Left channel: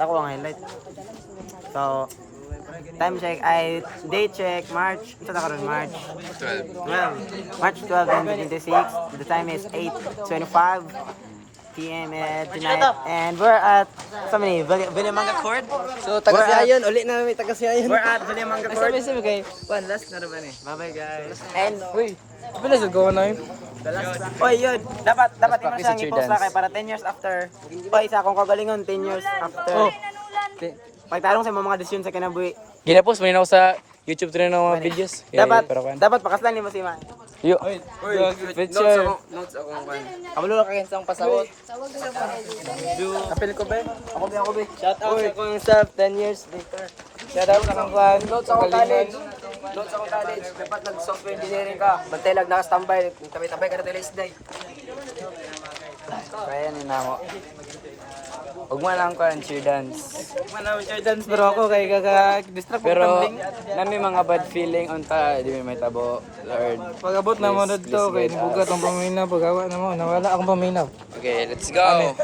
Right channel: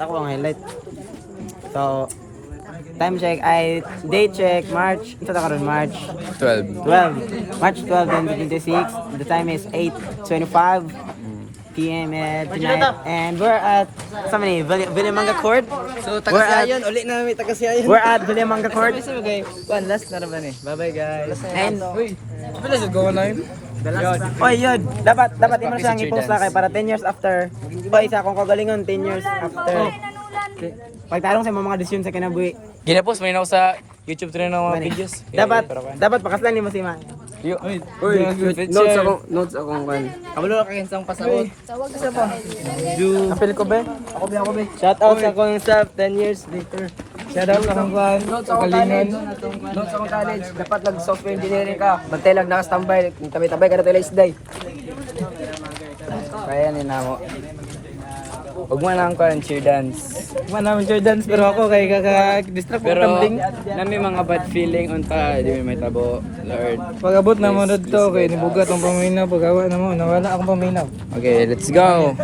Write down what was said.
Ako ang highlight. So, time check ay date check March. Ito na karon March 12. 12. March 12, 2026. The time is 8:25 p.m. tonight. And we're at Vilimanga Court. So, taga-siyayon. Ulit na may taga-siyayon. We're at Vilimanga Court. Okay. One last na naman eh. Bye-bye guys. And Let's go na yun. oh, yun. Dapat mo siyang i-post na kay para 10 years after. O isa akong kagalingon 10 years after. Pagtarong sa mga desisyon sa kinabuhi. Ginapost mo yun ako sa YouTube rin ng mga videos. Dapat pakaslan ni mo si Ma. Notes akong kan. Kabalo ka kansang pasahod. Apel ko be. Ako be. Shout out sa akong sub 10 years later. Shout out sa akong kan. Notes akong college. Notes akong college. Dapat nag-software engineering ka. Bantay lang naka-standby. Tabay-tabay ka na tayo isday. Kaya ni na mo. Huwag mo lang ko ang cheer dance. Man namin sure dance pero ako kay kaka-distract ko tumbling. Nami mga bad feeling on ta, di may tabo, Lord. Pag-abot na mo dito kay nibugat ang paminaw, pag-awa na mo nawala akong paminaw. Okay, let's go.